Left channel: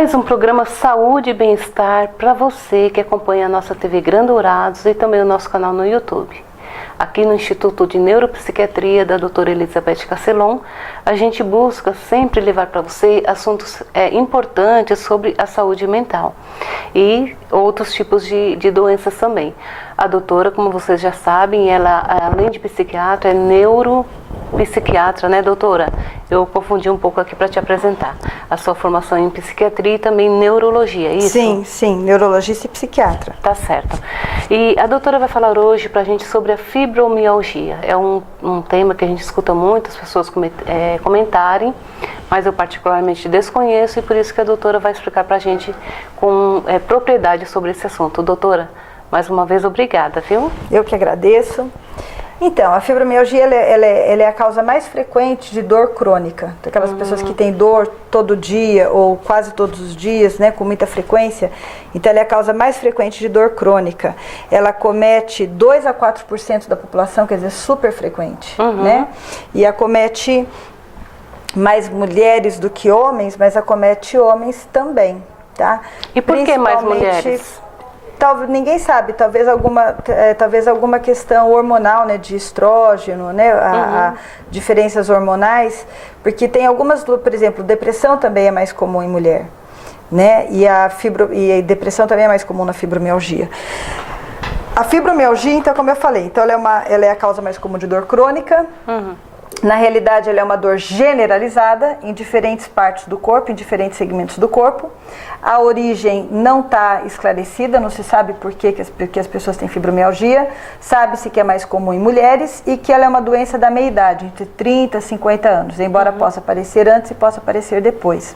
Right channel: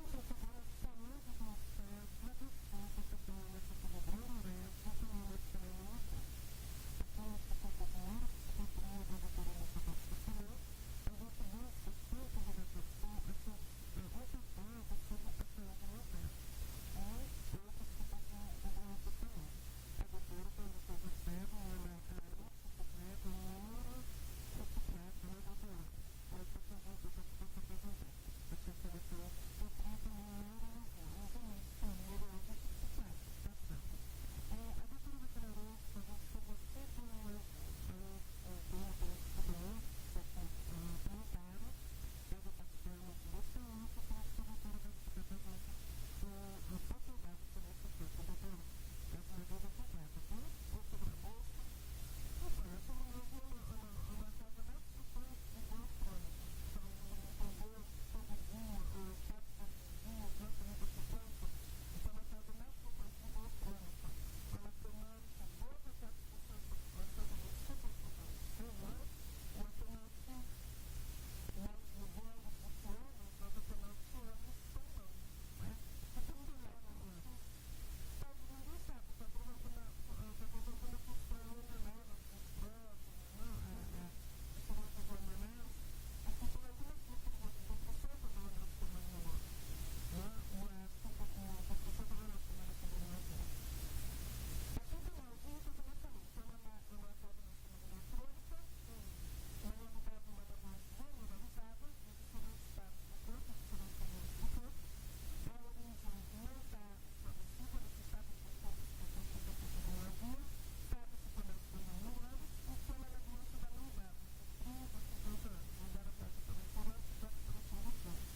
mais um programa Saúde e Bem-Estar para você que acompanha a nossa TV Grandourados e também o nosso canal no YouTube. Aqui no Instituto de Neuropsiquiatria da doutora Elizabeth Casselon, a gente busca sempre levar para você assuntos importantes sobre a saúde mental e outros tipos de doenças também. A doutora, como vocês já sabem, ela além de psiquiatra, é neuropsiquiatra, né, doutora? Eu confundi um pouco aqui para te apresentar. A sua formação em psiquiatria e também neurologia, é isso? Sim, neurologista e psiquiatra. Tá certo. E a doutora vai falar hoje para a gente sobre a fibromialgia. É um tema que a gente escuta muitas pessoas comentarem, mas eu particularmente desconheço e por isso que a doutora vai explicar para a gente com propriedade sobre esse assunto. Doutora, mais uma vez, obrigada, viu? Eu que agradeço. Então, a fibromialgia ela é a causa mais frequente de dor crônica. Aquelas pessoas que têm dor todo dia ou quase todos os dias, né, com muita frequência. Então, ela é a causa mais frequente de dor crônica. Ela acomete 2 a 4% da população, quer dizer, super frequente, né? E acomete mais mulheres do que homens, mas acomete homens também, tá? E por que mais mulheres? Ninguém sabe, talvez alguma questão hormonal, né, de estrógeno, né, diferenças hormonais, porque tem algumas, por exemplo, depressão também é mais comum em mulher, né, e a depressão também é mais comum na fibromialgia. A fibromialgia, então, como eu falei, então ela é a causa mais comum de dor crônica. Na realidade, ela é uma dor generalizada em diferentes partes do corpo, em diferentes segmentos do corpo. A origem não está esclarecida, não se sabe por que as pessoas têm fibromialgia. Sabe-se que é mais comum em mulheres e que ela é uma doença da meia-idade, entre 30 e 50 anos, embora possa aparecer antes e possa aparecer depois.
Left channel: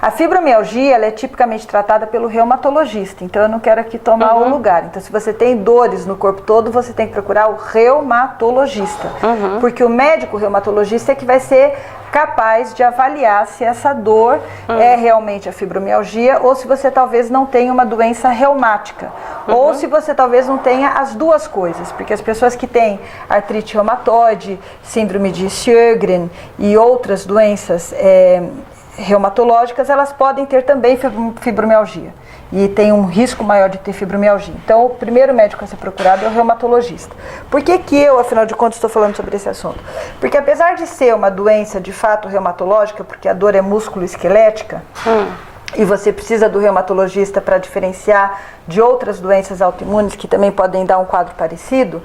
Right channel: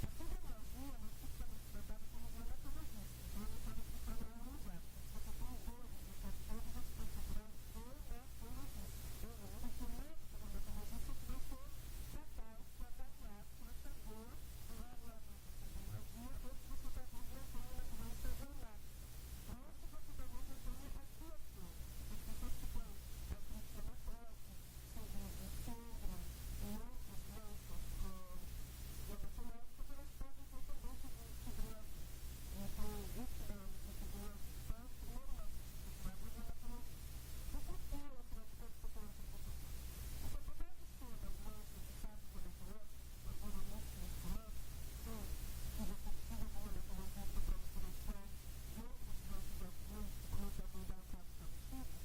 A fibromialgia ela é tipicamente tratada pelo reumatologista, então eu não quero aqui tomar o lugar. Então, se você tem dores no corpo todo, você tem que procurar o reumatologista, porque o médico reumatologista é que vai ser capaz de avaliar se essa dor é realmente a fibromialgia ou se você talvez não tenha uma doença reumática, ou se você talvez não tenha as duas coisas, porque as pessoas que têm artrite reumatoide, síndrome de Sjögren e outras doenças reumatológicas, elas podem ter também fibromialgia e tem um risco maior de ter fibromialgia. Então, o primeiro médico a ser procurado é o reumatologista. Por que eu, afinal de contas, estou falando sobre esse assunto? Porque apesar de ser uma doença de fato reumatológica, porque a dor é músculo-esquelética, e você precisa do reumatologista para diferenciar de outras doenças autoimunes que também podem dar um quadro parecido,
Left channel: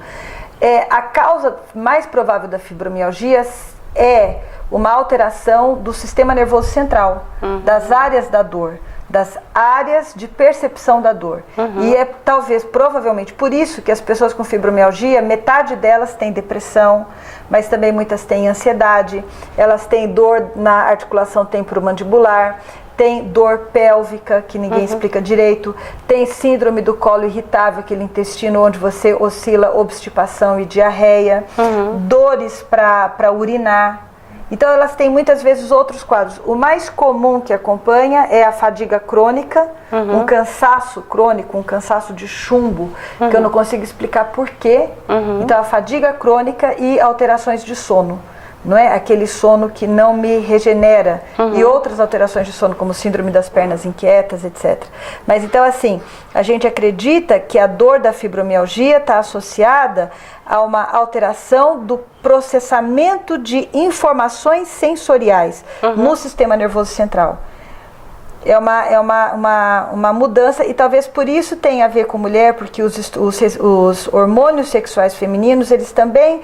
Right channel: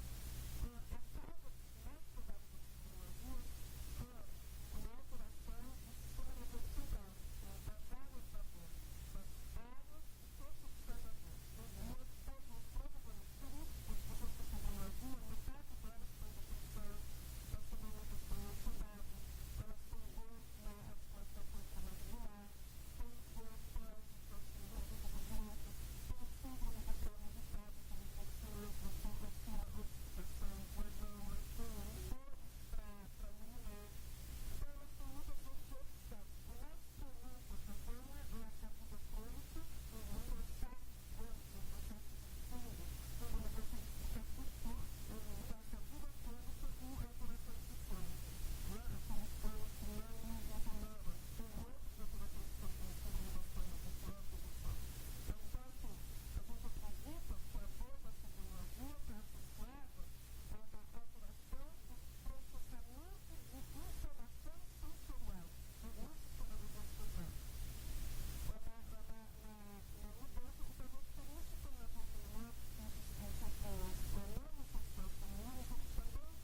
a causa mais provável da fibromialgia é uma alteração do sistema nervoso central, das áreas da dor, das áreas de percepção da dor. E é provavelmente por isso que as pessoas com fibromialgia, metade delas tem depressão, mas também muitas têm ansiedade, elas têm dor na articulação temporomandibular, tem dor pélvica, que ninguém explica direito, tem síndrome do colo irritável, aquele intestino onde você oscila obstipação e diarreia, dores para urinar. Então, elas têm muitas vezes outros quadros. O mais comum que acompanha é a fadiga crônica, um cansaço crônico, um cansaço de chumbo, que eu não consigo explicar por quê. Então, a fadiga crônica e alterações de sono, não é? Aquele sono que não me regenera. E outras alterações de sono, como síndrome das pernas inquietas, etc. Mas, então, assim, a gente acredita que a dor da fibromialgia está associada a uma alteração do processamento de informações sensoriais no sistema nervoso central. É uma mudança, e talvez por isso tenha a ver com mulher, porque os hormônios sexuais femininos, eles também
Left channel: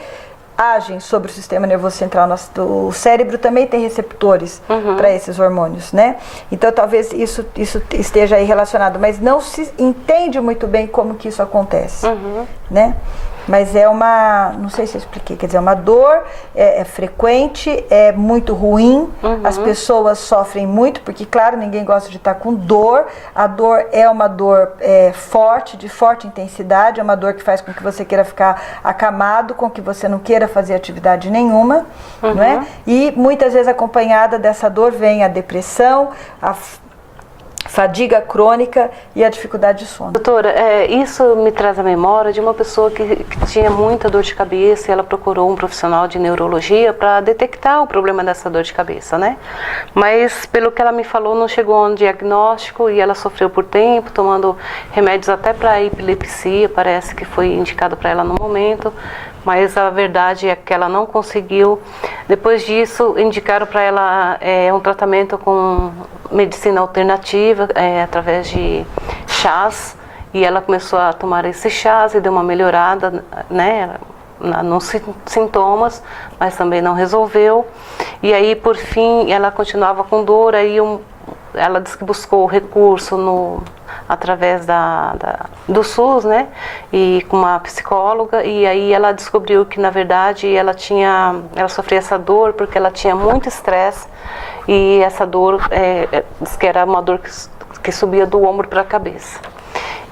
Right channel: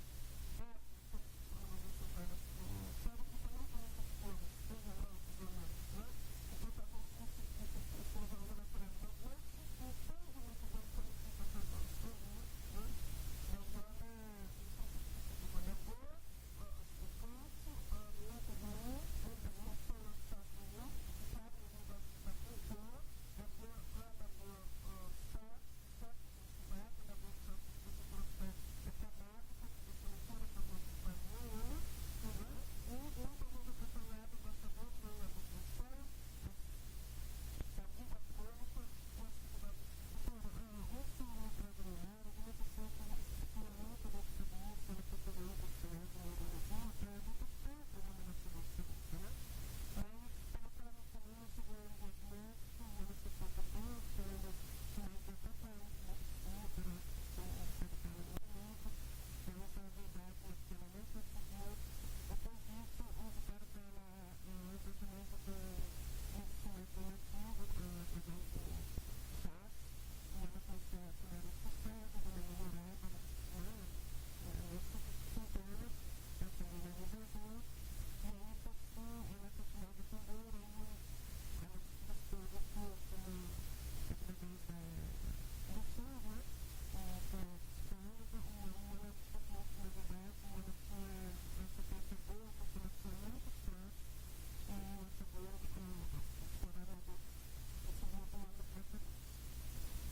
agem sobre o sistema nervoso central. O cérebro também tem receptores para esses hormônios, né? Então talvez isso esteja aí relacionado, mas não se entende muito bem como que isso acontece, né? Mas não sei se eu expliquei, quer dizer, uma dor é frequente, é muito ruim, as pessoas sofrem muito, porque, claro, ninguém gosta de estar com dor. A dor é uma dor forte, de forte intensidade, é uma dor que faz com que você queira ficar acamado, com que você não queira fazer atividade nenhuma, não é? E muitas vezes acompanhada dessa dor vem a depressão, fadiga crônica e a dificuldade de sono. Doutora, isso me traz a memória de uma pessoa que tinha muita dor de cabeça e ela procurou um profissional de neurologia para detectar o problema dessa dor de cabeça, né? Mas, pelo que ela me falou, não chegou a um diagnóstico e ela sofreu por tempo, tomando remédios até para epilepsia, parece que foi indicado para ela no momento. Mas a verdade é que ela não conseguiu. Depois disso, indicaram para ela um tratamento com medicina alternativa, através de chás, e ela começou a tomar esses chás e deu uma melhorada, né, nos sintomas, mas também não resolveu. E aí, por fim, ela continuava com dor, aí ela disse que buscou recurso através do SUS, né, e com uma psicóloga, e aí ela descobriu que, na verdade, ela sofria essa dor porque ela tinha muito estresse, e essa dor, diz que era uma dor que subia do ombro para a cabeça.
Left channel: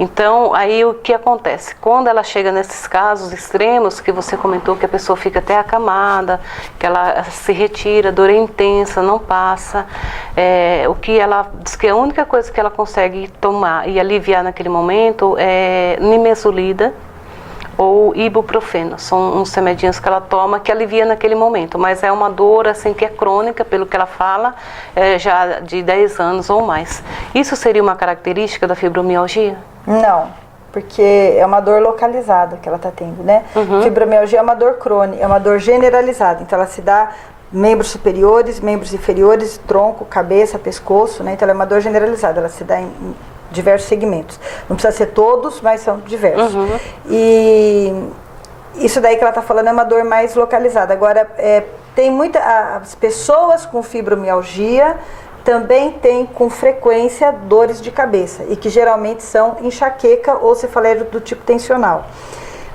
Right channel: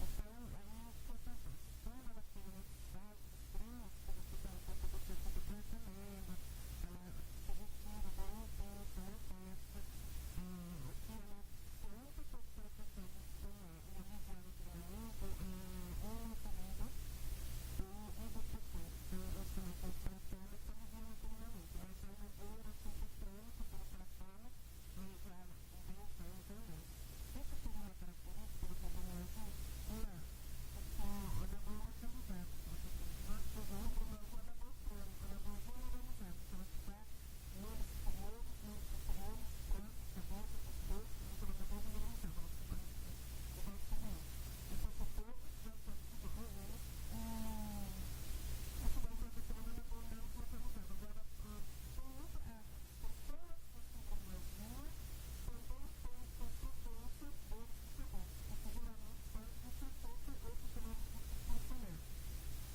Então, aí o que acontece? Quando ela chega nesses casos extremos, que você comentou que a pessoa fica até acamada, que ela se retira, a dor é intensa, não passa, o que ela diz que a única coisa que ela consegue tomar e aliviar naquele momento é nimesulida ou ibuprofeno. São uns remedinhos que ela toma que alivia naquele momento, mas é uma dor assim que é crônica, pelo que ela fala, já de 10 anos ou mais. Isso seria uma característica da fibromialgia? Não, porque é uma dor localizada que ela está tendo, né? Fibromialgia é uma dor crônica, é uma dor generalizada, então ela se dá membros superiores, membros inferiores, tronco, cabeça, pescoço, né? Então ela é uma dor generalizada, ela se dá em diversos segmentos. Não precisa ser todos, mas são diversos. E isso daí que ela está falando é uma dor mais localizada. Agora, tem as pessoas com fibromialgia também têm com frequência dores de cabeça e que geralmente são enxaqueca ou cefaleia do tipo tensional.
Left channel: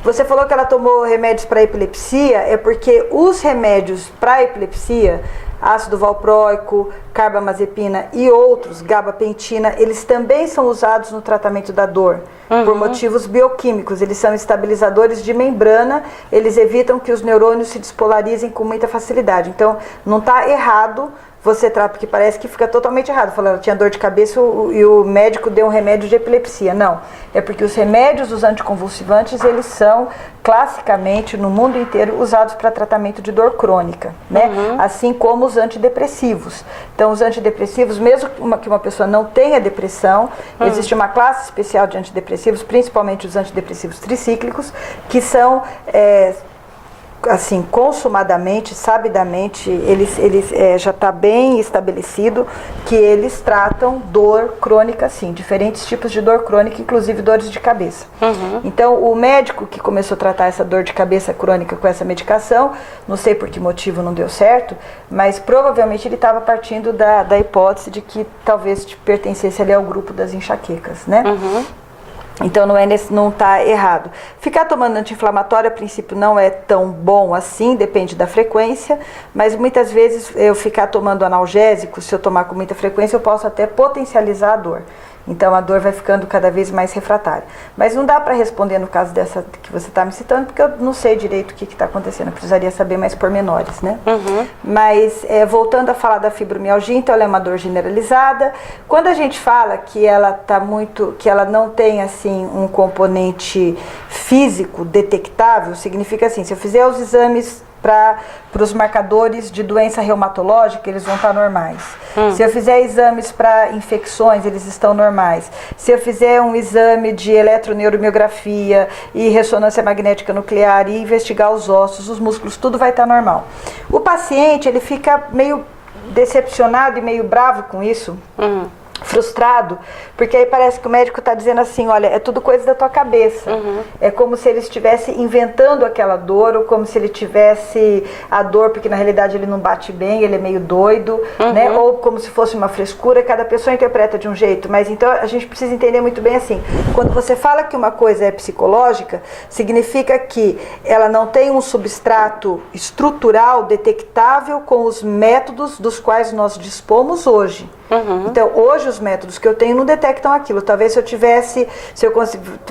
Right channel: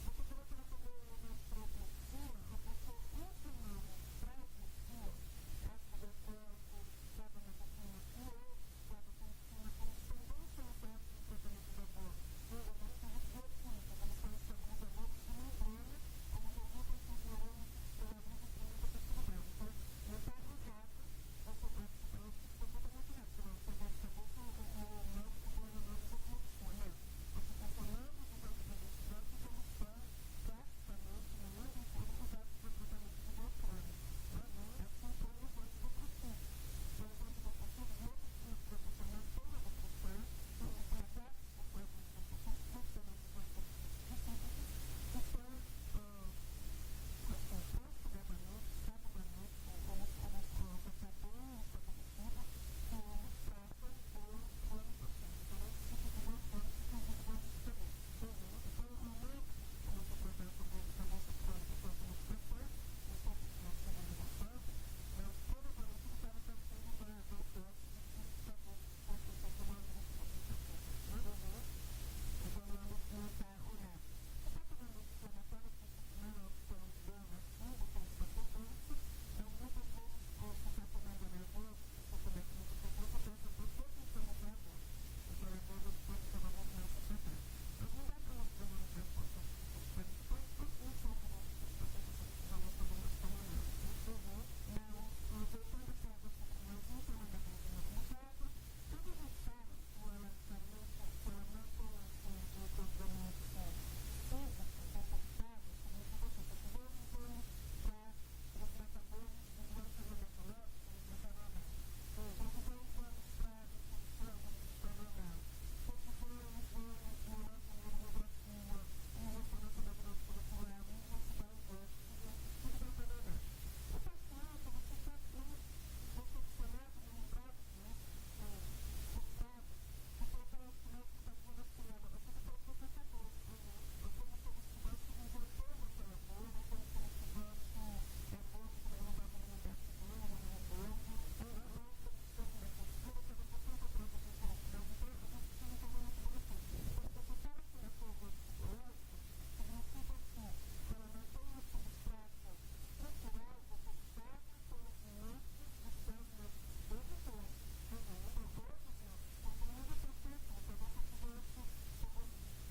Você falou que ela tomou remédios para epilepsia, é porque os remédios para epilepsia, ácido valproico, carbamazepina e outros, gabapentina, eles também são usados no tratamento da dor, por motivos bioquímicos. Eles são estabilizadores de membrana, eles evitam que os neurônios se despolarizem com muita facilidade. Então, não está errado você trata, porque parece que fica totalmente errado. Falando, ela tinha dor de cabeça e o médico deu um remédio de epilepsia. Não, é porque os remédios, os anticonvulsivantes, eles são classicamente no mundo inteiro usados para tratamento de dor crônica, né? Assim como os antidepressivos. Então, os antidepressivos, mesmo que uma pessoa não tenha depressão, existe uma classe especial de antidepressivos, principalmente os antidepressivos tricíclicos, que são assim, consumadamente, sabidamente, já está bem estabelecido que eles tratam dor crônica, sim, diferentes tipos de dor crônica, inclusive dores de cabeça. Então, o médico que começou a tratar essa dor de cabeça crônica com essa medicação, não sei por que motivo não deu certo, mas provavelmente ele estava partindo da hipótese de que talvez pertencesse ali ao grupo das enxaquecas, né? Então não está errado. Ficar tomando anti-inflamatório a princípio não é tão bom assim, depende da frequência, mas muitas vezes eu ficar tomando analgésico, se eu tomar com muita frequência, eu posso até potencializar a dor. Então a dor vai ficando cada vez mais refratária. Mas não dá para responder no caso dessa que você está me citando, porque eu não sei direito o que está acontecendo. Eu precisaria saber mais pormenores, né? Mas voltando a falar da fibromialgia, então ela é uma dor generalizada. Quando a gente fala que ela que ela não tem assim um componente físico detectável, significa assim, se eu fizer os exames para os marcadores de doença reumatológica, eles vão estar normais. Se eu fizer exames para infecções, eles estão normais. Se eu fizer um exame de eletroneuromiografia e ressonância magnética nuclear e investigar os ossos, os músculos, tudo vai estar normal. O paciente, ele fica meio decepcionado e meio bravo com isso, frustrado, porque aí parece que o médico está dizendo assim, olha, é tudo coisa da tua cabeça. É como se ele estivesse inventando aquela dor, ou como se ele tivesse a dor, porque na realidade ele não bate bem, ele é meio doido, né? Ou como se fosse uma frescura, cada pessoa interpreta de um jeito, mas então a gente precisa entender muito bem assim, quando você fala que uma coisa é psicológica, significa que ela não tem um substrato estrutural detectável com os métodos dos quais nós dispomos hoje. Então, hoje hoje os métodos que eu tenho não detectam aquilo. Talvez se eu tivesse,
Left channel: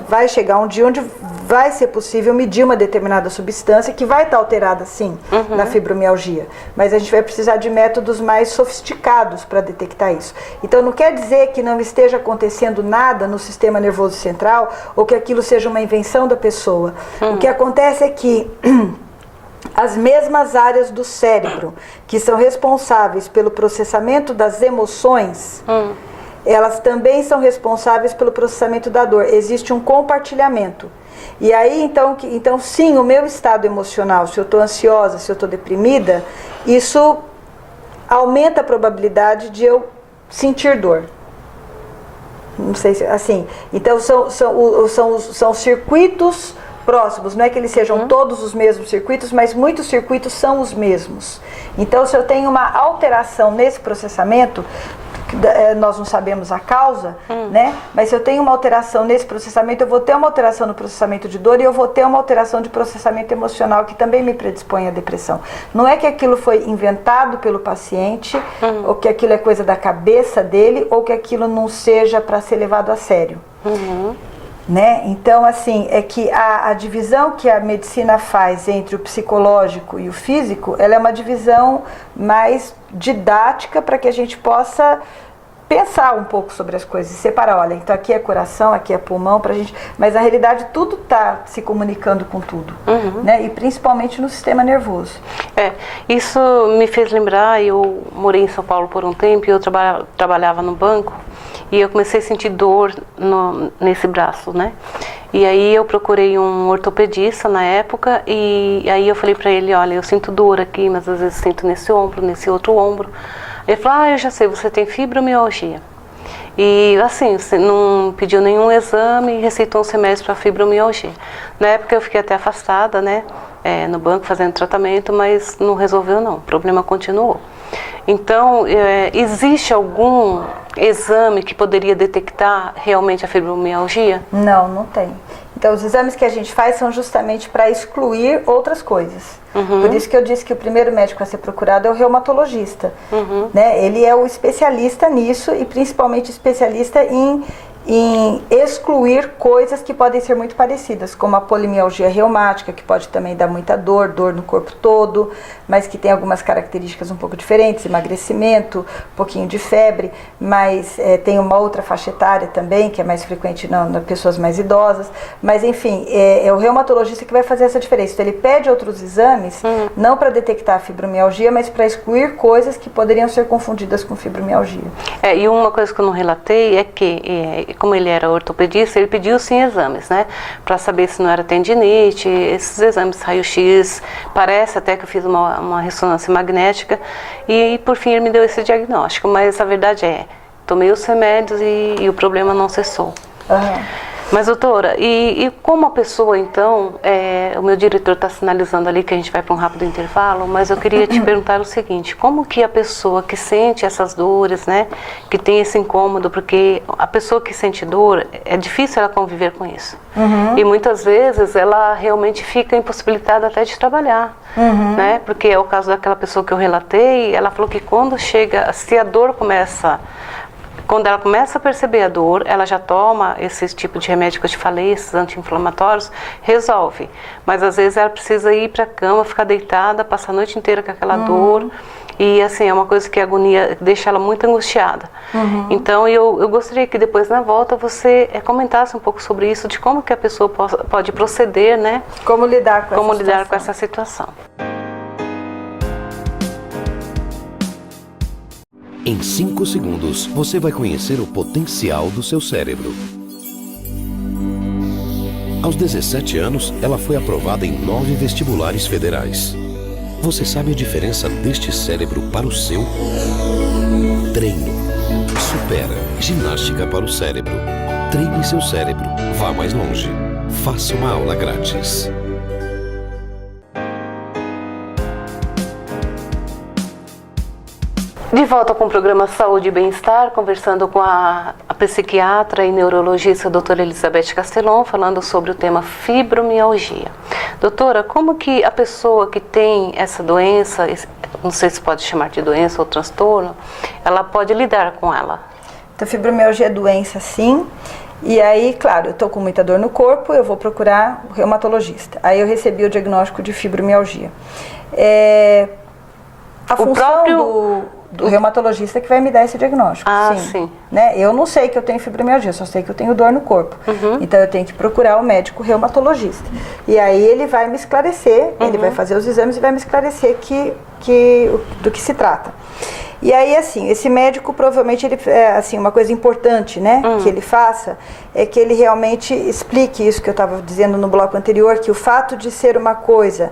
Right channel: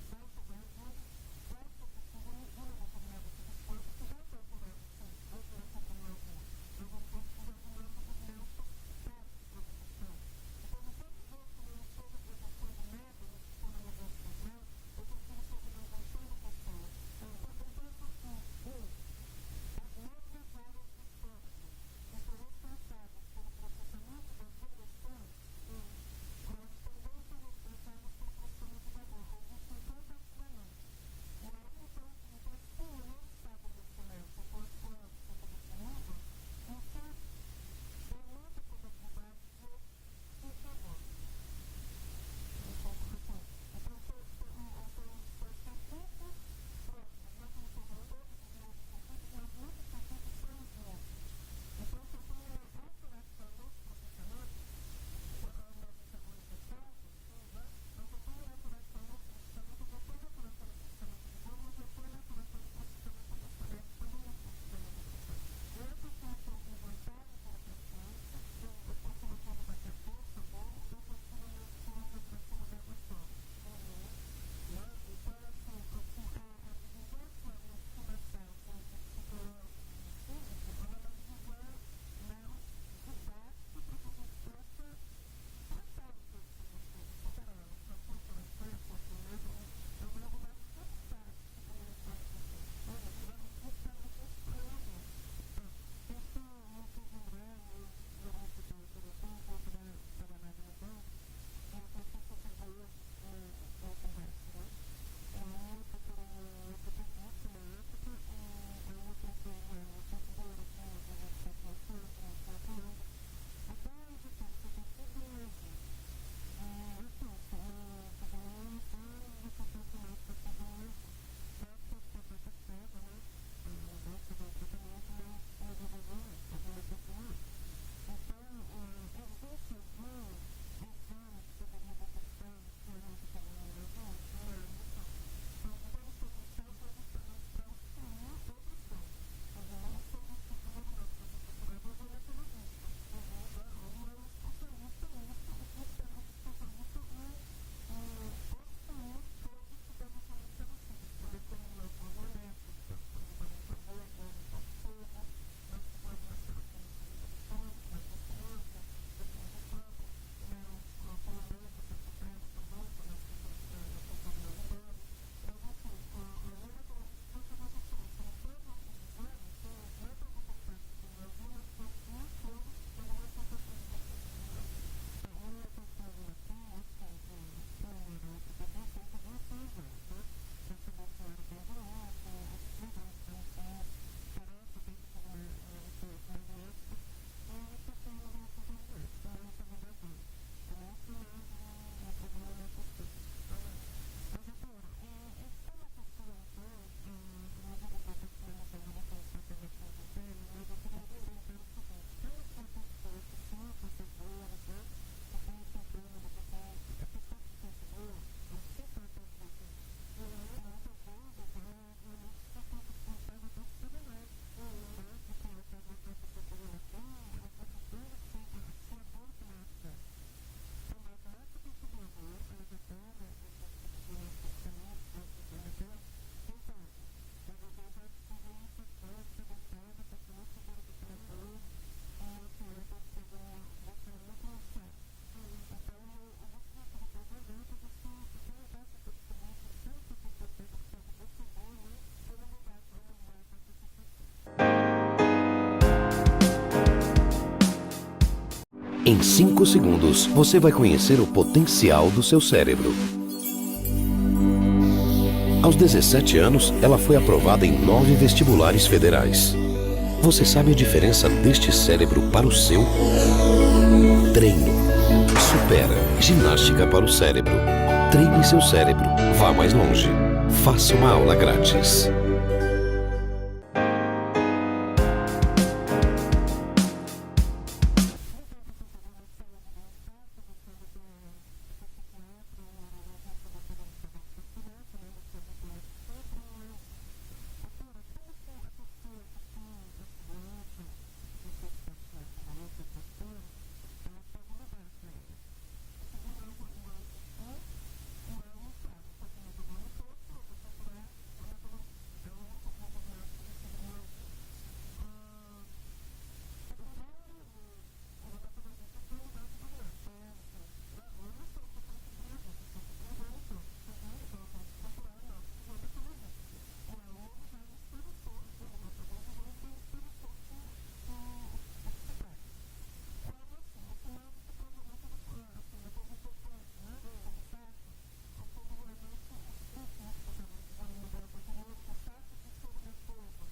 vai chegar um dia onde vai ser possível medir uma determinada substância que vai estar alterada sim na fibromialgia, mas a gente vai precisar de métodos mais sofisticados para detectar isso. Então não quer dizer que não esteja acontecendo nada no sistema nervoso central ou que aquilo seja uma invenção da pessoa. O que acontece é que as mesmas áreas do cérebro que são responsáveis pelo processamento das emoções, elas também são responsáveis pelo processamento da dor. Existe um compartilhamento. E aí, então sim, o meu estado emocional, se eu estou ansiosa, se eu estou deprimida, isso aumenta a probabilidade de eu sentir dor. Não sei se assim. Então são circuitos próximos, não é que eles sejam todos os mesmos circuitos, mas muitos circuitos são os mesmos. Então, se eu tenho uma alteração nesse processamento, nós não sabemos a causa, né? Mas se eu tenho uma alteração nesse processamento, eu vou ter uma alteração no processamento de dor e eu vou ter uma alteração de processamento emocional que também me predispõe à depressão. Não é que aquilo foi inventado pelo paciente, ou que aquilo é coisa da cabeça dele, ou que aquilo não seja para ser levado a sério. Né? Então, assim, é que a divisão que a medicina faz entre o psicológico e o físico, ela é uma divisão mais didática para que a gente possa pensar um pouco sobre as coisas e separar, olha, então aqui é coração, aqui é pulmão, pra gente, mas na realidade tudo está se comunicando com tudo, né? E principalmente no sistema nervoso. Isso me fez lembrar, eu morei em São Paulo por um tempo e eu trabalhava no banco. E eu comecei a sentir dor nesse braço, né? E aí eu procurei um ortopedista na época e aí eu falei pra ele, olha, eu sinto dor aqui, mas às vezes sinto nesse ombro, nesse outro ombro. Ele falou, eu já sei, você tem fibromialgia. E assim, você não pediu nenhum exame e receitou uns remédios para fibromialgia. Na época eu fiquei até afastada, né? No banco fazendo tratamento, mas não resolveu não, o problema continuou. Então, existe algum exame que poderia detectar realmente a fibromialgia? Não, não tem. Então, os exames que a gente faz são justamente para excluir outras coisas. Por isso que eu disse que o primeiro médico a ser procurado é o reumatologista. Né? Ele é o especialista nisso e principalmente especialista em excluir coisas que podem ser muito parecidas, como a polimialgia reumática, que pode também dar muita dor no corpo todo, mas que tem algumas características um pouco diferentes, emagrecimento, um pouquinho de febre, mas tem uma outra faixa etária também, que é mais frequente nas pessoas mais idosas, mas enfim, é o reumatologista que vai fazer essa diferença. Então ele pede outros exames, não para detectar a fibromialgia, mas para excluir coisas que poderiam ser confundidas com fibromialgia. E uma coisa que eu não relatei é que como ele era ortopedista, ele pediu sim exames, né? Para saber se não era tendinite, esses exames raio-x, parece até que eu fiz uma ressonância magnética e por fim ele me deu esse diagnóstico, mas a verdade tomei os remédios e o problema não cessou. Mas doutora, e como a pessoa então, o meu diretor está sinalizando ali que a gente vai para um rápido intervalo, mas eu queria te perguntar o seguinte, como que a pessoa que sente essas dores, né, que tem esse incômodo, porque a pessoa que sente dor, é difícil ela conviver com isso. E muitas vezes ela realmente fica impossibilitada até de trabalhar, né, porque é o caso daquela pessoa que eu relatei, ela falou que quando chega, se a dor começa... Quando ela começa a perceber a dor, ela já toma esse tipo de remédio que eu te falei, esses anti-inflamatórios, resolve. Mas às vezes ela precisa ir para a cama, ficar deitada, passar a noite inteira com aquela dor. E assim, é uma coisa que a agonia deixa ela muito angustiada. Então eu gostaria que depois na volta você comentasse um pouco sobre isso, de como que a pessoa pode proceder, né? Como lidar com essa situação. Em 5 segundos, você vai conhecer o potencial do seu cérebro. Aos 17 anos, ela foi aprovada em 9 vestibulares federais. Você sabe a diferença deste cérebro para o seu? Treino. Supera. Ginástica para o cérebro. Treine seu cérebro. Vá mais longe. Faça uma aula grátis. De volta com o programa Saúde e Bem-Estar, conversando com a psiquiatra e neurologista doutora Elizabeth Castelon, falando sobre o tema fibromialgia. Doutora, como que a pessoa que tem essa doença, não sei se pode chamar de doença ou transtorno, ela pode lidar com ela? Então, fibromialgia é doença, sim. E aí, claro, eu estou com muita dor no corpo, eu vou procurar o reumatologista. Aí eu recebi o diagnóstico de fibromialgia. A função do reumatologista que vai me dar esse diagnóstico. Sim. Né? Eu não sei que eu tenho fibromialgia, só sei que eu tenho dor no corpo. Então eu tenho que procurar o médico reumatologista. E aí ele vai me esclarecer, ele vai fazer os exames e vai me esclarecer do que se trata. E aí, assim, esse médico provavelmente, assim, uma coisa importante, né, que ele faça, é que ele realmente explique isso que eu estava dizendo no bloco anterior, que o fato de ser uma coisa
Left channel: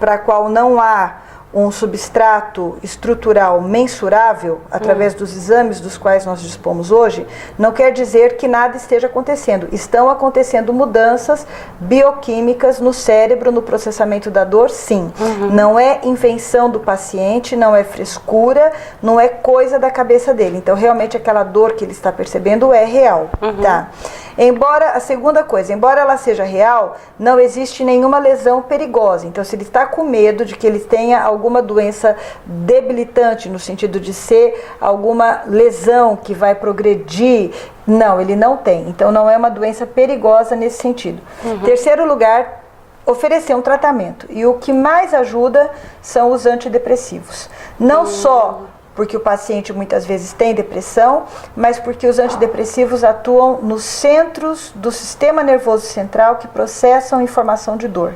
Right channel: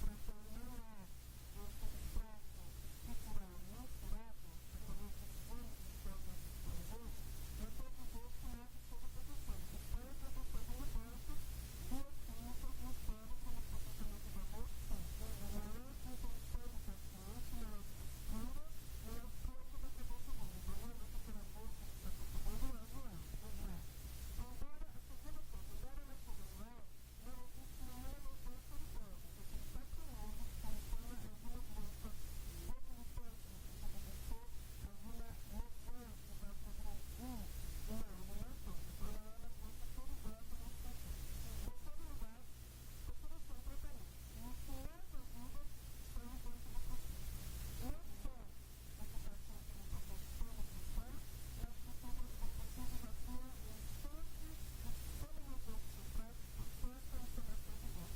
para a qual não há um substrato estrutural mensurável, através dos exames dos quais nós dispomos hoje, não quer dizer que nada esteja acontecendo. Estão acontecendo mudanças bioquímicas no cérebro, no processamento da dor, sim. Não é invenção do paciente, não é frescura, não é coisa da cabeça dele. Então, realmente, aquela dor que ele está percebendo é real, tá? Embora, a segunda coisa, embora ela seja real, não existe nenhuma lesão perigosa. Então, se ele está com medo de que ele tenha alguma doença debilitante, no sentido de ser alguma lesão que vai progredir, não, ele não tem. Então, não é uma doença perigosa nesse sentido. Terceiro lugar, oferecer um tratamento. E o que mais ajuda são os antidepressivos. Não só porque o paciente muitas vezes tem depressão, mas porque os antidepressivos atuam nos centros do sistema nervoso central que processam informação de dor.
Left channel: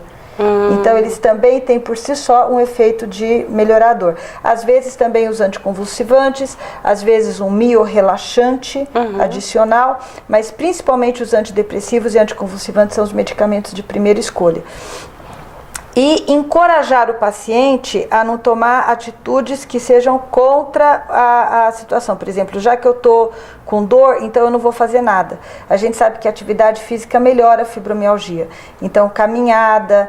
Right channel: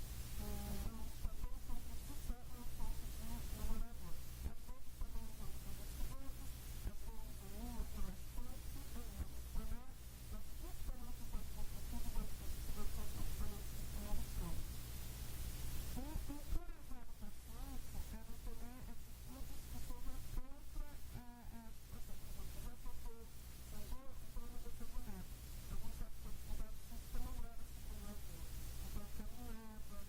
Então, eles também têm por si só um efeito de melhorar a dor. Às vezes também os anticonvulsivantes, às vezes um miorrelaxante adicional, mas principalmente os antidepressivos e anticonvulsivantes são os medicamentos de primeira escolha. E encorajar o paciente a não tomar atitudes que sejam contra a situação. Por exemplo, já que eu estou com dor, então eu não vou fazer nada. A gente sabe que a atividade física melhora a fibromialgia. Então, caminhada,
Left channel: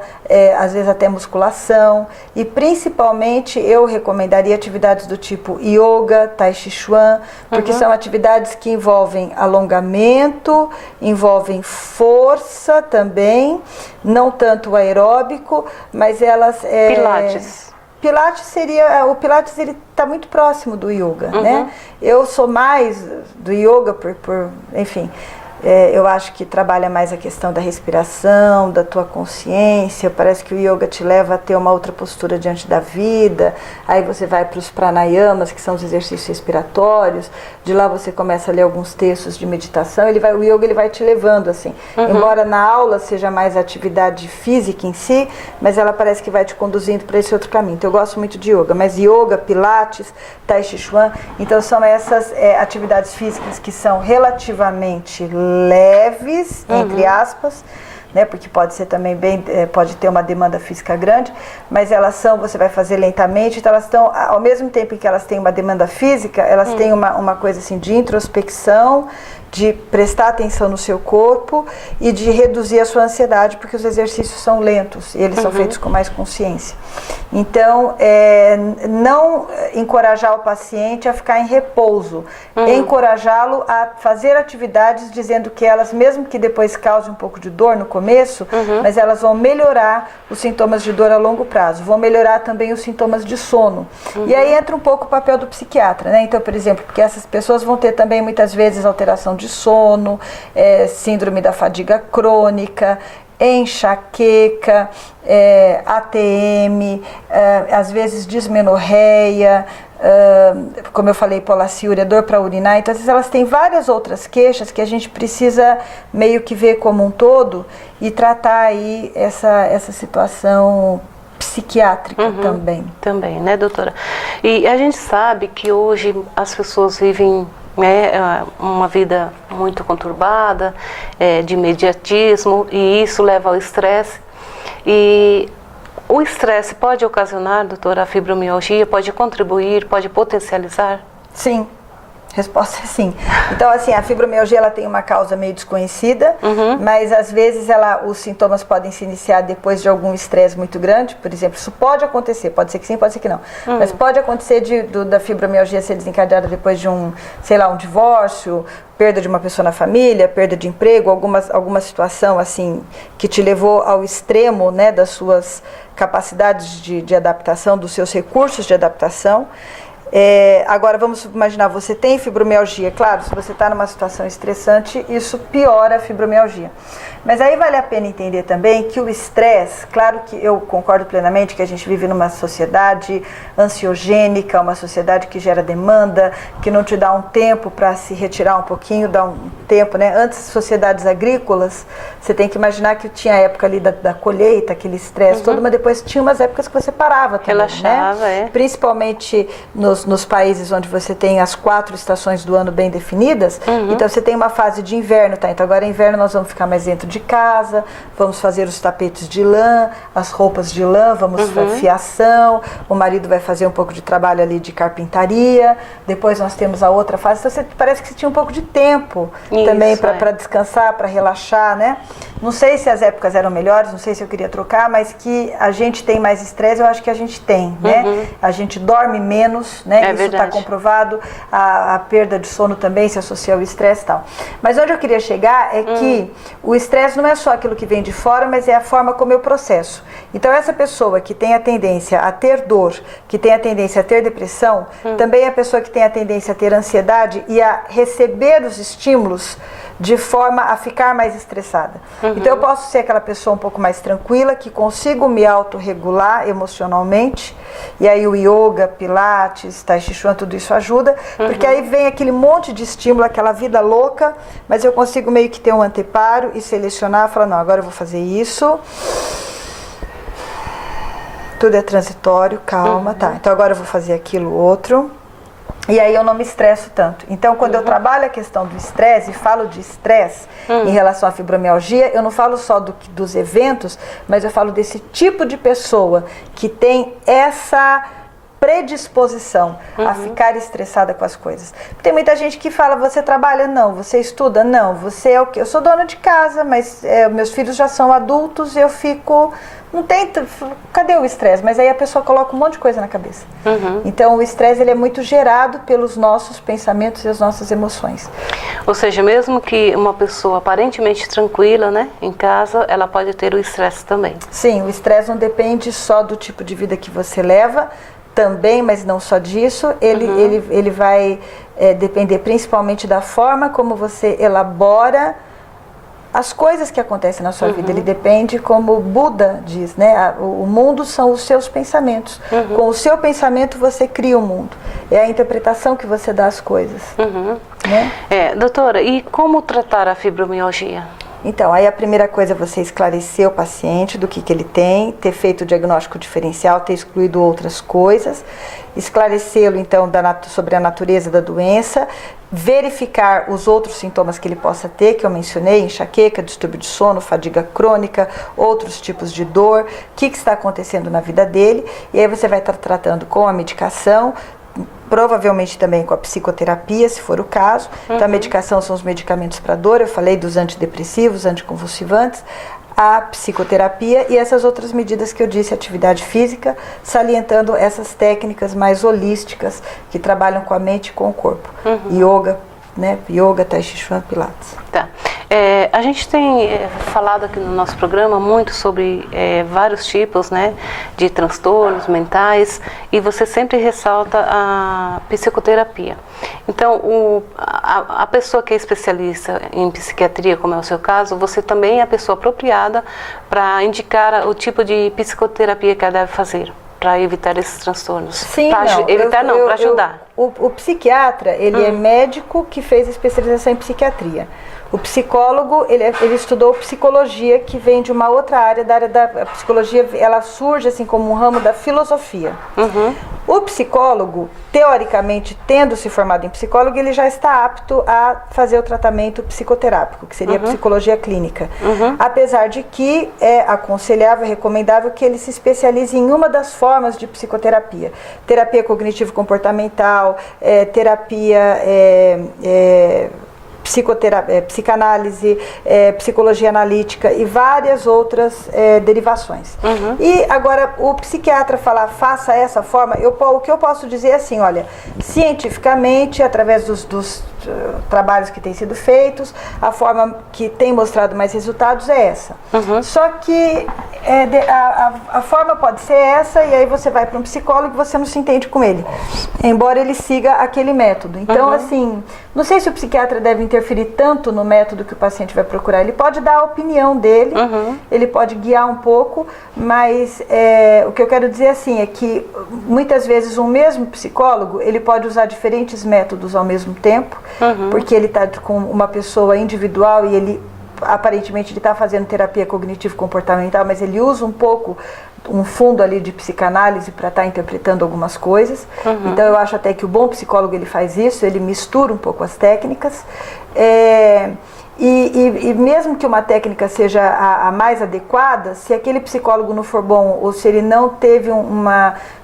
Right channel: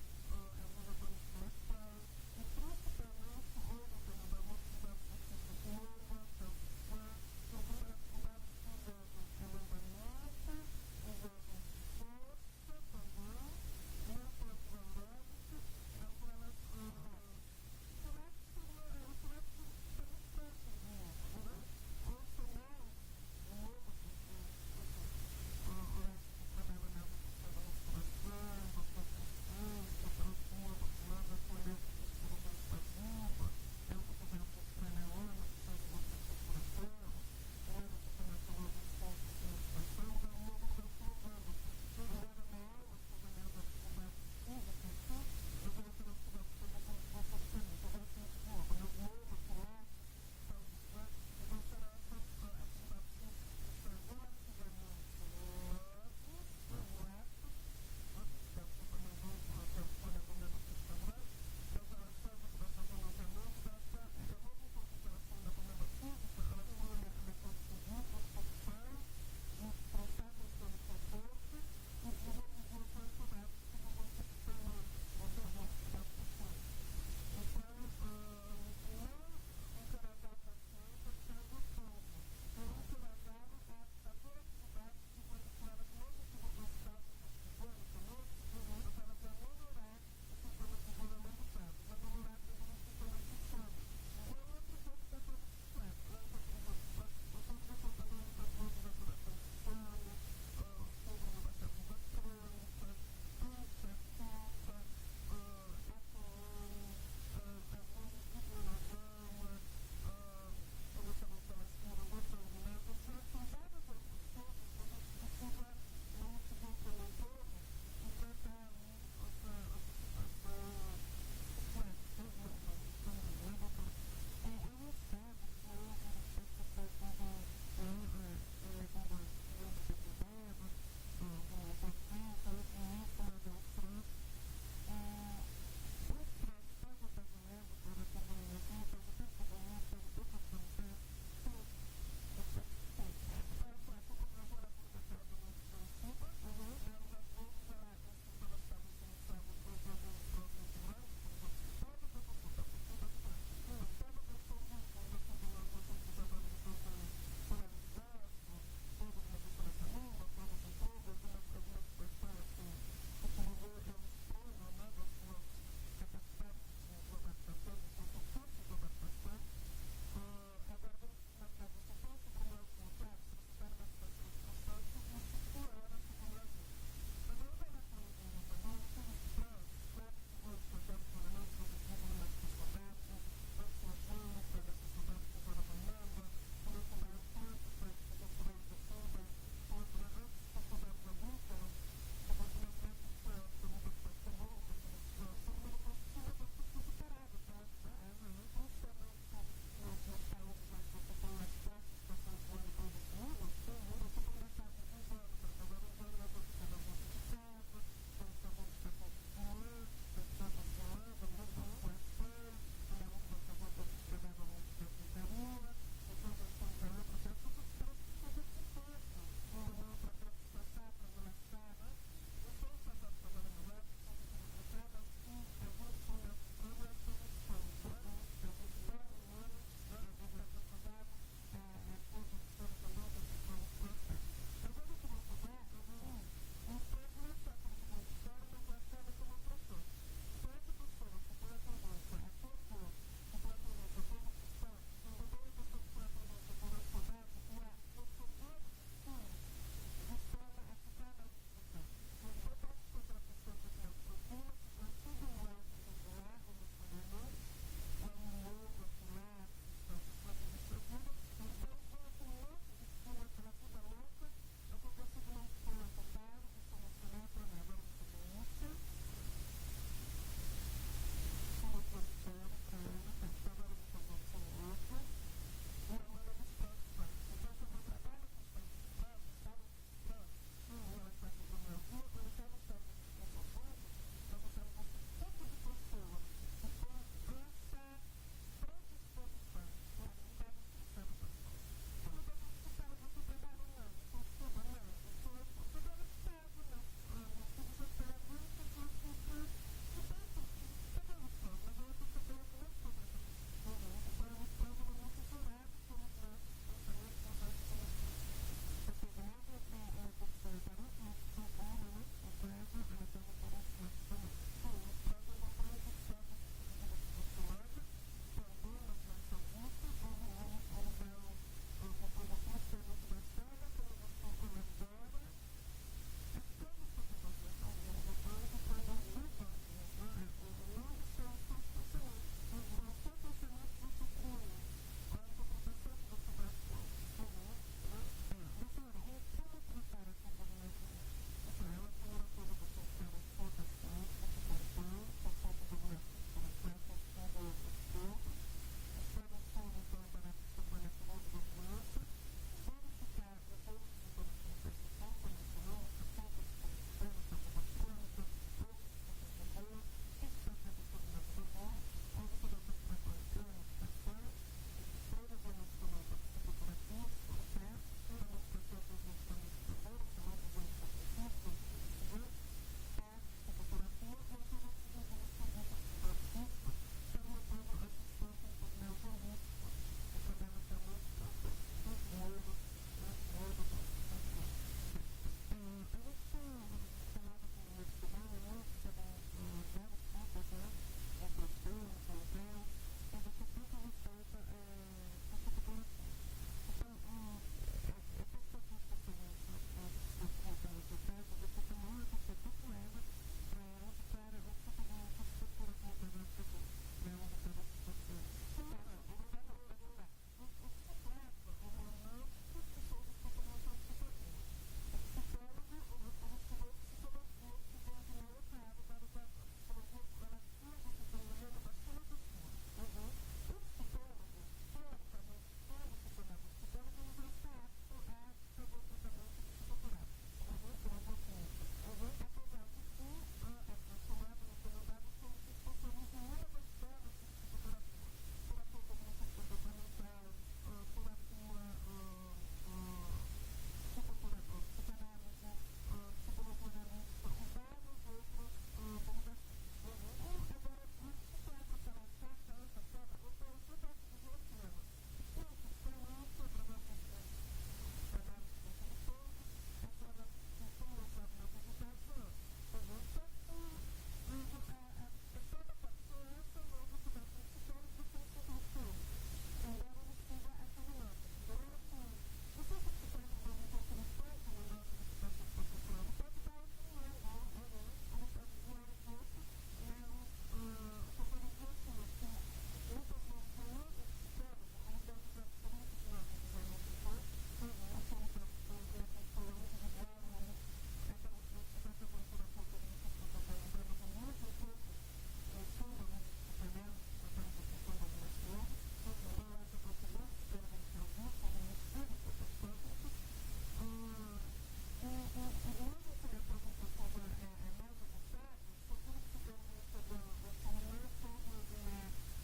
às vezes até musculação. E principalmente eu recomendaria atividades do tipo yoga, tai chi chuan, porque são atividades que envolvem alongamento, envolvem força também, não tanto aeróbico, mas elas... o Pilates ele está muito próximo do yoga, né? Eu sou mais do yoga enfim, eu acho que trabalha mais a questão da respiração, da tua consciência. Parece que o yoga te leva a ter uma outra postura diante da vida. Aí você vai para os pranayamas, que são os exercícios respiratórios. De lá você começa a ler alguns textos de meditação. O yoga ele vai te levando assim. Embora na aula seja mais a atividade física em si, mas ela parece que vai te conduzindo para esse outro caminho. Então eu gosto muito de yoga, mas yoga, pilates, tai chi chuan, então são essas atividades físicas que são relativamente leves, entre aspas, né, porque pode ser também pode ter uma demanda física grande, mas você vai fazer lentamente, então elas estão, ao mesmo tempo que elas têm uma demanda física, elas têm uma coisa assim de introspecção, de prestar atenção no seu corpo e de reduzir a sua ansiedade, porque os exercícios são lentos e eles são feitos com mais consciência. Então, não encorajar o paciente a ficar em repouso, encorajá-lo a fazer atividades dizendo que elas, mesmo que depois causem um pouco de dor no começo, mas elas vão melhorar os sintomas de dor a longo prazo, vão melhorar também os sintomas de sono. E aí entra um pouco o papel do psiquiatra, né? Então, por exemplo, porque essas pessoas vão ter também muitas vezes alteração de sono, síndrome da fadiga crônica, enxaqueca, ATM, às vezes dismenorreia, como eu falei, polaciúria, dor para urinar. Então, às vezes elas têm várias outras queixas que a gente precisa meio que ver como um todo e tratar aí essa situação psiquiátrica também. Também, né, doutora? E a gente sabe que hoje as pessoas vivem uma vida muito conturbada, de imediatismo, e isso leva ao estresse. E o estresse pode ocasionar, doutora, a fibromialgia? Pode contribuir, pode potencializar? Sim. Resposta é sim. Então, assim, a fibromialgia ela tem uma causa meio desconhecida, mas às vezes os sintomas podem se iniciar depois de algum estresse muito grande. Por exemplo, isso pode acontecer, pode ser que sim, pode ser que não. Mas pode acontecer da fibromialgia ser desencadeada depois de um divórcio, perda de uma pessoa na família, perda de emprego, alguma situação assim que te levou ao extremo, né, das suas capacidades de adaptação, dos seus recursos de adaptação. Agora vamos imaginar, você tem fibromialgia, claro, se você está numa situação estressante, isso piora a fibromialgia. Mas aí vale a pena entender também que o estresse, claro que eu concordo plenamente que a gente vive numa sociedade ansiogênica, uma sociedade que gera demanda, que não te dá um tempo para se retirar um pouquinho, dá um tempo, né? Antes, sociedades agrícolas, você tem que imaginar que tinha a época ali da colheita, aquele estresse todo, mas depois tinha umas épocas que você parava também, relaxava, né? Principalmente nos países onde você tem as 4 estações do ano bem definidas, então você tem uma fase de inverno, tá? Então agora é inverno, nós vamos ficar mais dentro de casa, vamos fazer os tapetes de lã, as roupas de lã, vamos fiação, o marido vai fazer um pouco de trabalho ali de carpintaria, depois nós temos a outra fase, então parece que você tinha um pouco de tempo também para descansar, para relaxar, né? Não sei se as épocas eram melhores, não sei se eu queria trocar, mas que a gente tem mais estresse, eu acho que a gente tem, né? A gente dorme menos, né? Isso está comprovado, a perda de sono também se associa ao estresse e tal. Mas onde eu queria chegar é que o estresse não é só aquilo que vem de fora, mas é a forma como eu processo. Então essa pessoa que tem a tendência a ter dor, que tem a tendência a ter depressão, também é a pessoa que tem a tendência a ter ansiedade e a receber os estímulos de forma a ficar mais estressada. Então eu posso ser aquela pessoa um pouco mais tranquila, que consigo me autorregular emocionalmente, e aí o yoga, pilates, tai chi chuan, tudo isso ajuda, porque aí vem aquele monte de estímulo, aquela vida louca, mas eu consigo meio que ter um anteparo e selecionar, falar, não, agora eu vou fazer isso, tudo é transitório, calma, tá, então agora eu vou fazer aquilo outro, e aí eu não me estresso tanto. Então, quando eu trabalho a questão do estresse e falo de estresse em relação à fibromialgia, eu não falo só dos eventos, mas eu falo desse tipo de pessoa que tem essa predisposição a ficar estressada com as coisas. Tem muita gente que fala, você trabalha? Não. Você estuda? Não. Você é o quê? Eu sou dona de casa, mas meus filhos já são adultos e eu fico... Não tem... Cadê o estresse? Mas aí a pessoa coloca um monte de coisa na cabeça. Então o estresse ele é muito gerado pelos nossos pensamentos e as nossas emoções. Ou seja, mesmo que uma pessoa aparentemente tranquila, né, em casa, ela pode ter o estresse também. Sim, o estresse não depende só do tipo de vida que você leva, também, mas não só disso, ele vai depender principalmente da forma como você elabora as coisas que acontecem na sua vida. Ele depende, como o Buda diz, né? O mundo são os seus pensamentos. Com o seu pensamento você cria o mundo. É a interpretação que você dá às coisas. Né? Doutora, e como tratar a fibromialgia? Então, aí a primeira coisa é você esclarecer o paciente do que ele tem, ter feito o diagnóstico diferencial, ter excluído outras coisas, esclarecê-lo então sobre a natureza da doença, verificar os outros sintomas que ele possa ter, que eu mencionei, enxaqueca, distúrbio de sono, fadiga crônica, outros tipos de dor, o que está acontecendo na vida dele, e aí você vai estar tratando com a medicação, provavelmente também com a psicoterapia, se for o caso. Então, a medicação são os medicamentos para dor, eu falei dos antidepressivos, anticonvulsivantes, a psicoterapia e essas outras medidas que eu disse, atividade física, salientando essas técnicas mais holísticas que trabalham com a mente e com o corpo. Yoga, né? Yoga, tai chi chuan, pilates. Tá. A gente tem falado aqui no nosso programa muito sobre vários tipos, né, de transtornos mentais, e você sempre ressalta a psicoterapia. Então, a pessoa que é especialista em psiquiatria, como é o seu caso, você também é a pessoa apropriada para indicar o tipo de psicoterapia que ela deve fazer para evitar esses transtornos. Sim, para ajudar. O psiquiatra, ele é médico que fez especialização em psiquiatria. O psicólogo, ele estudou psicologia, que vem de uma outra área, da área da psicologia, ela surge assim como um ramo da filosofia. O psicólogo, teoricamente, tendo se formado em psicólogo, ele já está apto a fazer o tratamento psicoterápico, que seria a psicologia clínica. Apesar de que é aconselhável, recomendável que ele se especialize em uma das formas de psicoterapia. Terapia cognitivo-comportamental, terapia... psicanálise, psicologia analítica e várias outras derivações. E agora, o psiquiatra falar, faça essa forma, o que eu posso dizer é assim, olha, cientificamente, através dos trabalhos que têm sido feitos, a forma que tem mostrado mais resultados é essa. Só que A forma pode ser essa, e aí você vai para um psicólogo e você não se entende com ele, embora ele siga aquele método. Então, assim, não sei se o psiquiatra deve interferir tanto no método que o paciente vai procurar. Ele pode dar a opinião dele, ele pode guiar um pouco, mas o que eu quero dizer assim é que muitas vezes um mesmo psicólogo, ele pode usar diferentes métodos ao mesmo tempo, porque ele está com uma pessoa individual e ele aparentemente ele está fazendo terapia cognitivo-comportamental, mas ele usa um pouco, um fundo ali de psicanálise para estar interpretando algumas coisas. Então eu acho até que o bom psicólogo ele faz isso, ele mistura um pouco as técnicas. E mesmo que uma técnica seja a mais adequada, se aquele psicólogo não for bom, ou se ele não teve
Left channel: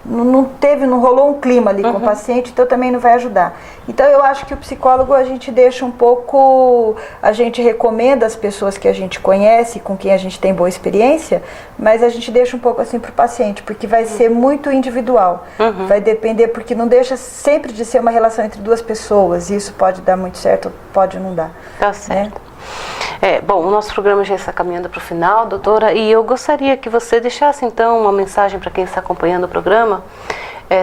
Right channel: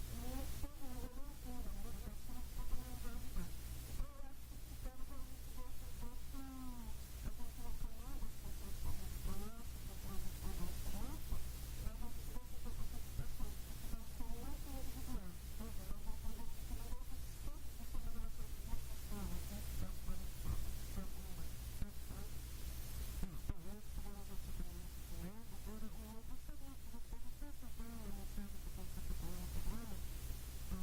não rolou um clima ali com o paciente, então também não vai ajudar. Então eu acho que o psicólogo a gente deixa um pouco, a gente recomenda as pessoas que a gente conhece, com quem a gente tem boa experiência, mas a gente deixa um pouco assim para o paciente, porque vai ser muito individual, vai depender, porque não deixa sempre de ser uma relação entre duas pessoas, e isso pode dar muito certo, pode não dar. Tá certo. Bom, o nosso programa já está caminhando para o final, doutora, e eu gostaria que você deixasse então uma mensagem para quem está acompanhando o programa,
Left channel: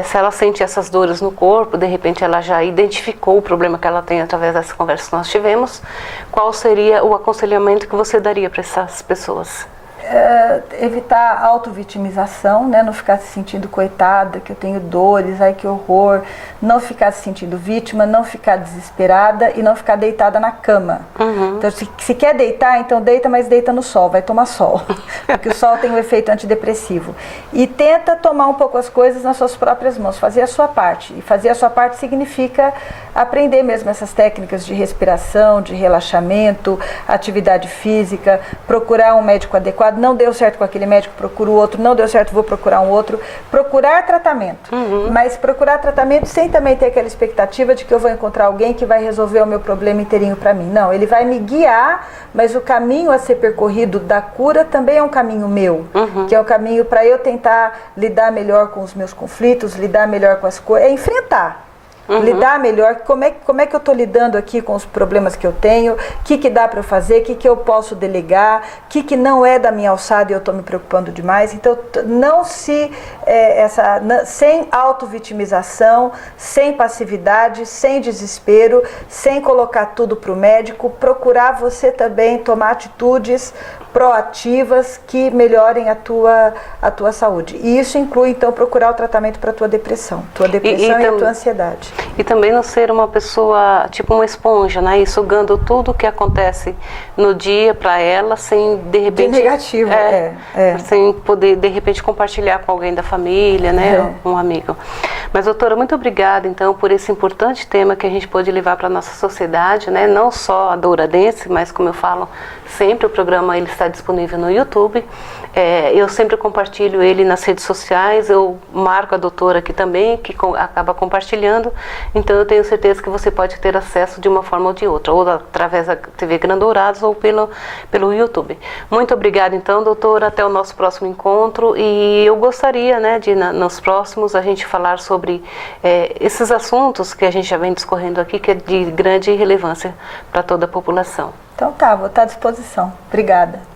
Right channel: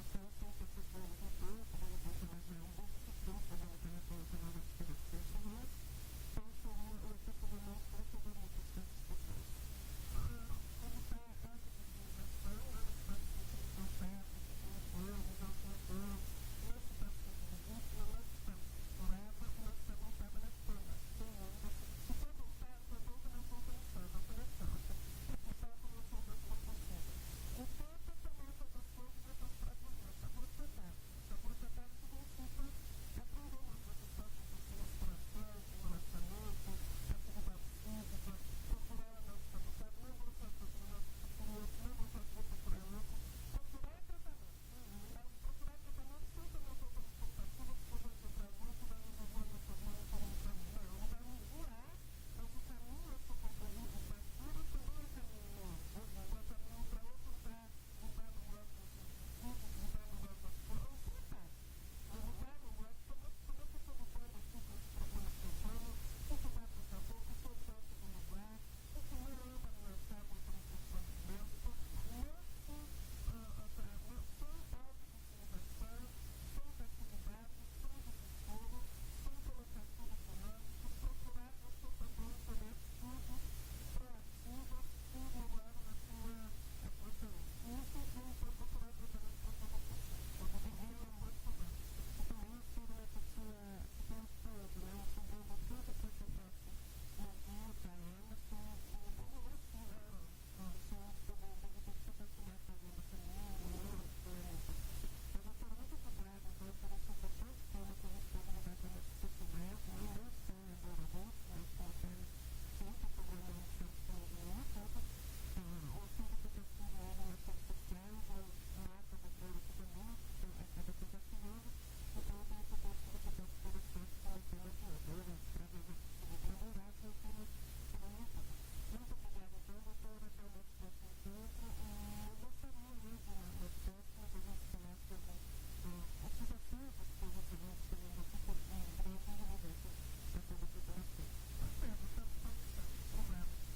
se ela sente essas dores no corpo, de repente ela já identificou o problema que ela tem através dessa conversa que nós tivemos, qual seria o aconselhamento que você daria para essas pessoas? Evitar a autovitimização, né? Não ficar se sentindo coitada, que eu tenho dores, ai que horror, não ficar se sentindo vítima, não ficar desesperada e não ficar deitada na cama. Então, se quer deitar, então deita, mas deita no sol, vai tomar sol, porque o sol tem um efeito antidepressivo. E tenta tomar um pouco as coisas nas suas próprias mãos, fazer a sua parte. E fazer a sua parte significa aprender mesmo essas técnicas de respiração, de relaxamento, atividade física, procurar um médico adequado. Não deu certo com aquele médico, procuro outro, não deu certo, vou procurar um outro. Procurar tratamento, mas procurar tratamento sem também ter aquela expectativa de que eu vou encontrar alguém que vai resolver o meu problema inteirinho para mim. Não, ele vai me guiar, mas o caminho a ser percorrido da cura também é um caminho meu, que é o caminho para eu tentar lidar melhor com os meus conflitos, lidar melhor com as coisas, é enfrentar. Lidar melhor, como é que eu estou lidando aqui com os problemas que eu tenho, o que dá para eu fazer, o que eu posso delegar, o que não é da minha alçada e eu estou me preocupando demais. Então, sem autovitimização, sem passividade, sem desespero, sem colocar tudo para o médico, procurar você também tomar atitudes proativas que melhorem a tua saúde. E isso inclui, então, procurar o tratamento para a tua depressão e a tua ansiedade. E também não ser uma pessoa, tipo uma esponja, né? E sugando tudo que acontece no dia para ela, sem, de repente... De negativo, sem poder, de repente, compartilhar com alguém da família, né? Um amigo. Mas, doutora, muito obrigada, então, por esse importante tema que a gente pôde levar para a nossa sociedade, né? Não só a Douradense, mas, como eu falo, sempre o programa ele está disponível no YouTube. Eu sempre compartilho ele nas redes sociais, eu marco a doutora aqui também, que acaba compartilhando, então eu tenho certeza que você pode ter acesso de uma forma ou de outra, ou através da TV Grandourados ou pelo YouTube. Muito obrigada então, doutora, até o nosso próximo encontro, e eu gostaria, né, de nos próximos a gente falar sobre esses assuntos que a gente já vem discorrendo aqui, que é de grande relevância para toda a população. Então tá, vou estar à disposição. Obrigada.